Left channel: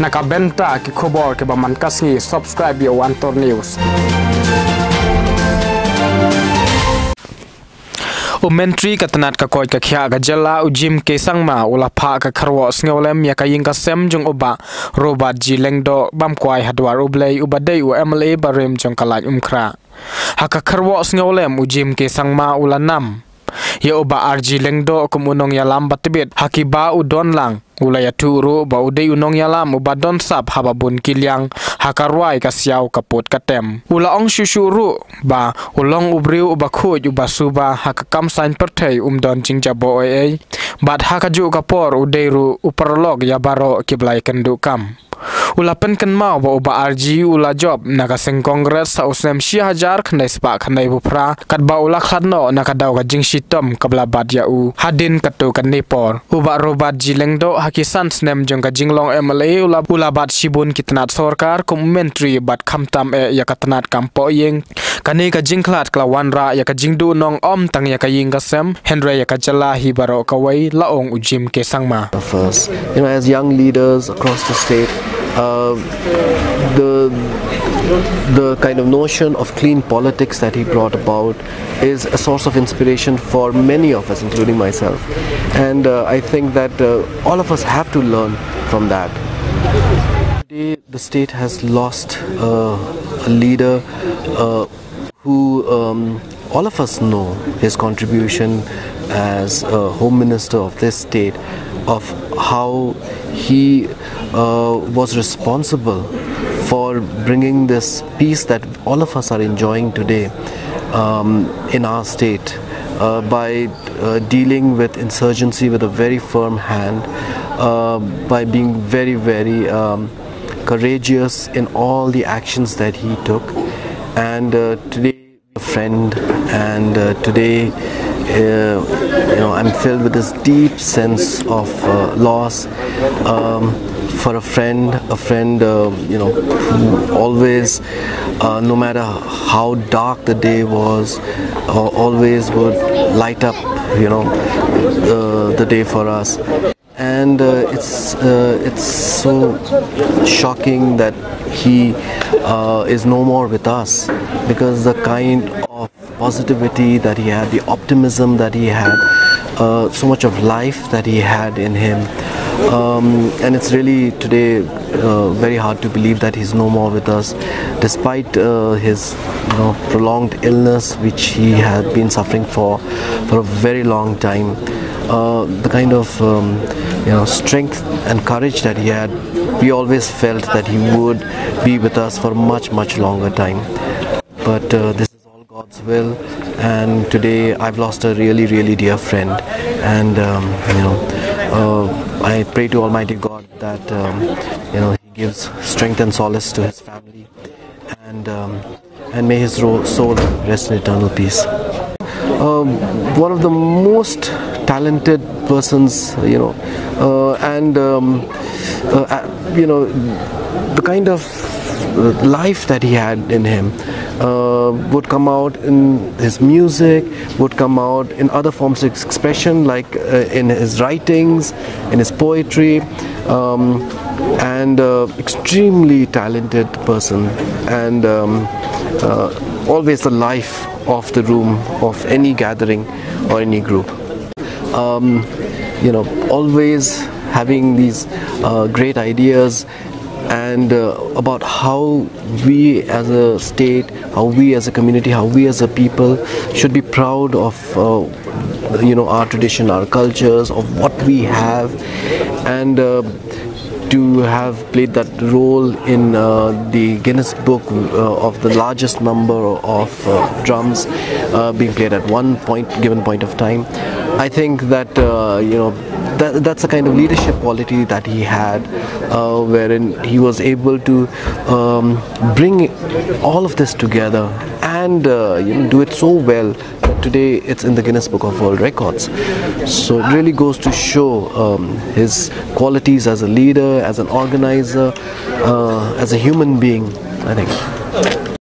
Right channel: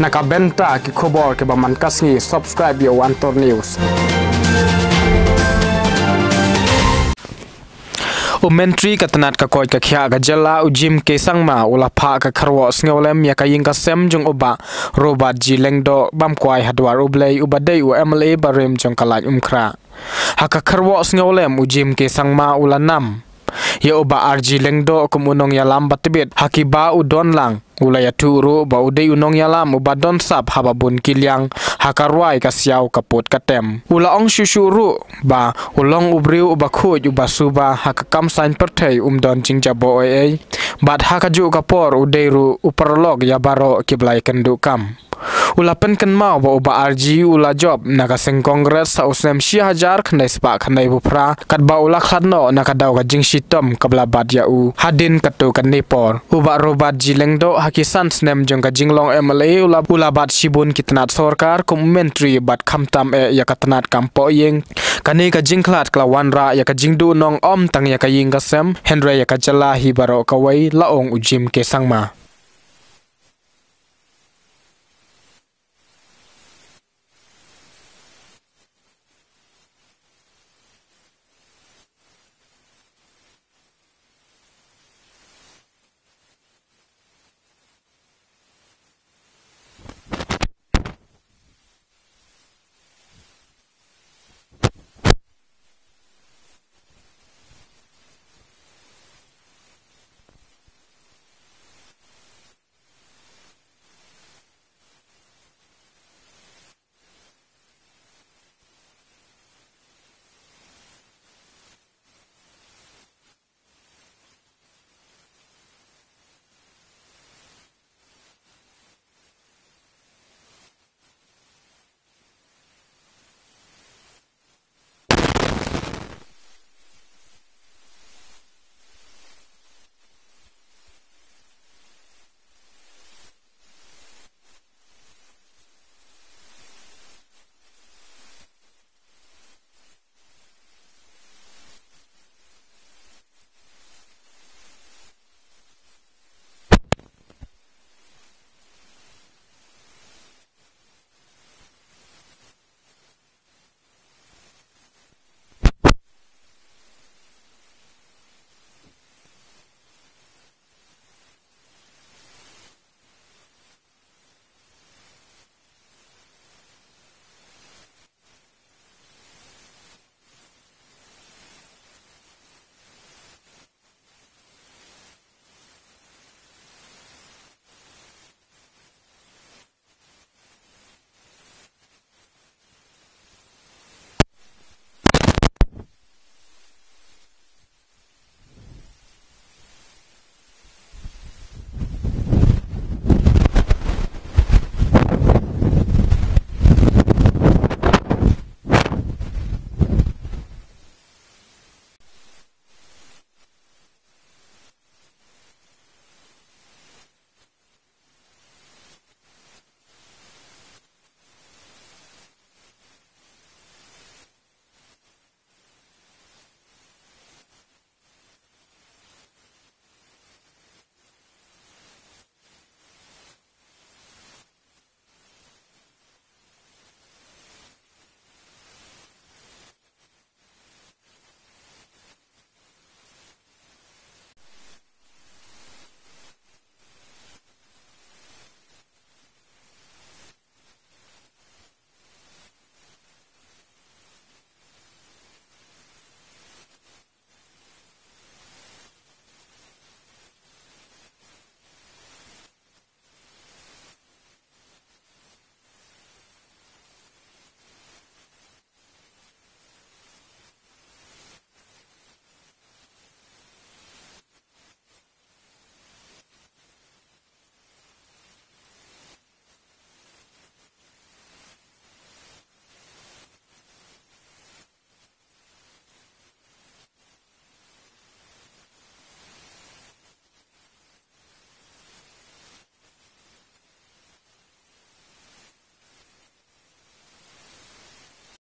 nakabenta ki khobor ke ba man kasngi subscribe yo Wantor News. Menteri katanat ka koi ka khia ga jala ujim ke sangma ula pha ka kharwo sngelem ya ka ying ka sem jong oba Bah RG Lyngdoh bam kwai hadwar ublei ubadei u MLA barem jong kalaj umkhra haka kharwo sngelem ujim ke sangma ula nam ya Bah RG Lyngdoh kumunong yalam batibit hakiba udon lang ulaya turu ba udei unong yalam ubadon sap hababun kilyang hakarwai kasyau kaput katem ula ong shushuru ba ulong ubriu uba khuid uba suba hakakam sain Pyrthei don jingjabo oi bat hakaju kapor udeiru uparlog yabaro kiblai kendukam ulapen kan mau ba Bah RG ula job nagaseng kongres sa usnem 1000 khnai spa khnai bupra katba ula khadno nakadaw ka jingshitom kabla badyau hadin katu kan nepor Bah RG Lyngdoh hakisan snem jong ka jinglong MLA ula bat shibun kitnat sorkar kum menteri bat khamtam ya katnat kampo yeng kani ka jingklat klawanra ya ka jingdu nong om tang ya ka ying ka sem henry ya ka jala hi baro kawai laong ujim ke sangma. First, as young leaders across the state, the kind of notion of clean politics that he brought about is a source of inspiration for many of us, including myself. And I think that all of us have to learn from that. Today, the state has lost a leader who all of us know his contribution as Home Minister of this state, of how he was responsible for bringing this peace that all of us are enjoying today in our state by dealing with insurgency with a very firm hand, by being very, very courageous in all the actions that he took. And today, a friend, and today, I'm filled with this deep sense of loss for a friend, who always, no matter how dark the day was, always would light up, the day for us. And it's so shocking that he is no more with us, because the kind of positivity that he had, the optimism that he had, so much of life that he had in him, and it's really today very hard to believe that he's no more with us, despite his prolonged illness which he had been suffering for a very long time. The kind of strength and courage that he had, we always felt that he would be with us for much, much longer time. But this is God's will, and today I've lost a really, really dear friend, and I pray to Almighty God that He gives strength and solace to his family, and may his soul rest in eternal peace. One of the most talented persons, and the kind of life that he had in him would come out in his music, would come out in other forms of expression, like in his writings, in his poetry, and extremely talented person, and always the life of the room of any gathering or any group. Always having these great ideas, and about how we as a state, how we as a community, how we as a people should be proud of our tradition, our cultures, of what we have, and to have played that role in the Guinness Book of the largest number of drums being played at one given point of time. I think that that's the kind of leadership quality that he had, wherein he was able to bring all of this together and do it so well that today it's in the Guinness Book of World Records. So it really goes to show his qualities as a leader, as an organizer, as a human being, I think.